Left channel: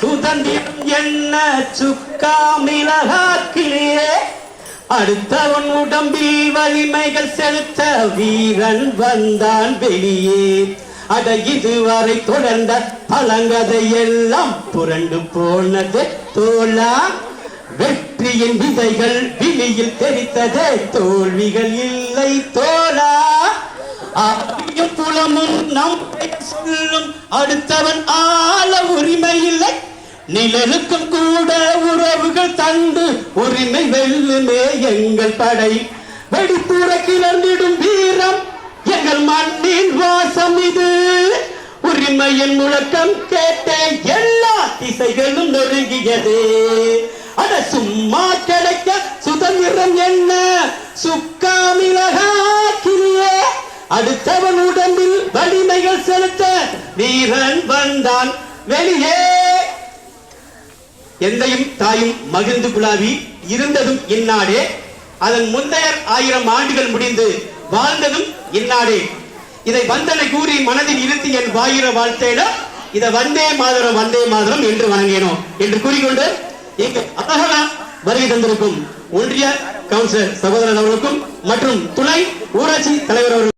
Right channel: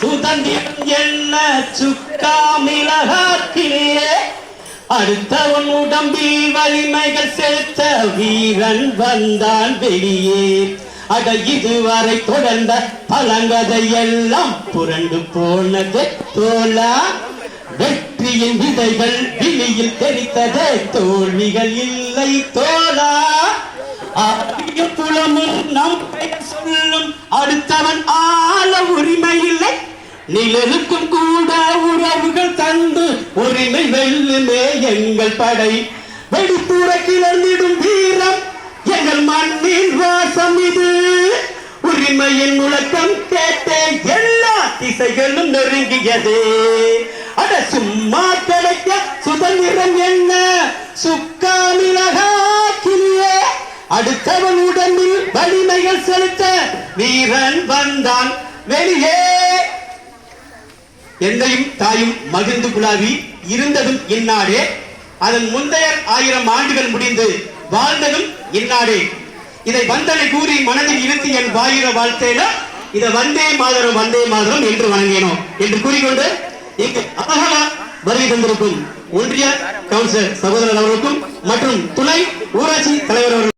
சுதந்திரம் என்ன சுக்கா மிளகாக்கிலே அடுத்தவன் உடம்பில் வலிமைகள் செலுத்த வீரன் வந்தான் வெளியே. அட இதுவரை தொடர்ந்த பழங்கதை எல்லாம் புரண்டு போனது தோழா வெற்றியின் விதைகள் விழியில் தெரித்ததே தோல்விகள் இல்லை தோழா புலமும் நம் சொல்லும் அடுத்தவன் ஆ நிலனுக்கும் கூட உறவுகள் தந்து உரிமை வெல்லுமே எங்கள் தடை. வெடித்துற கிளர்ந்திடும் வீரம் எங்கள் மண்ணின் வாசம் இது. உரிமையின் முழக்கம் கேட்டே எல்லா திசைகளும் நெருங்கியது. அட சும்மா கிடைக்க சுதந்திரம் என்ன? சுக்கா மிளகாக்கிலே அடுத்தவன் உடம்பில் வலிமைகள் செலுத்த வீரன் வந்தான். வெளியே எந்தையும் தாயும் மகிழ்ந்து குழாவி இருந்ததும் இந்நாடே அதன் முந்தைய ஆயிரம் ஆண்டுகள் முடிந்து வாழ்ந்ததும் இந்நாடே இதை வந்தனை கூறி மனதில் இருத்தி என் வாயிர வாழ்த்தேன இதை வந்தே மாதரம் வந்தே மாதரம் என்று வழங்கினோம் என்று கூறிக்கொண்டு இங்கு அழகான வருகை தந்திருக்கும் ஒன்றிய கவுன்சிலர் சகோதரர் அவர்களுக்கும் மற்றும் துணை ஊராட்சி தலைவர் அவர்கள்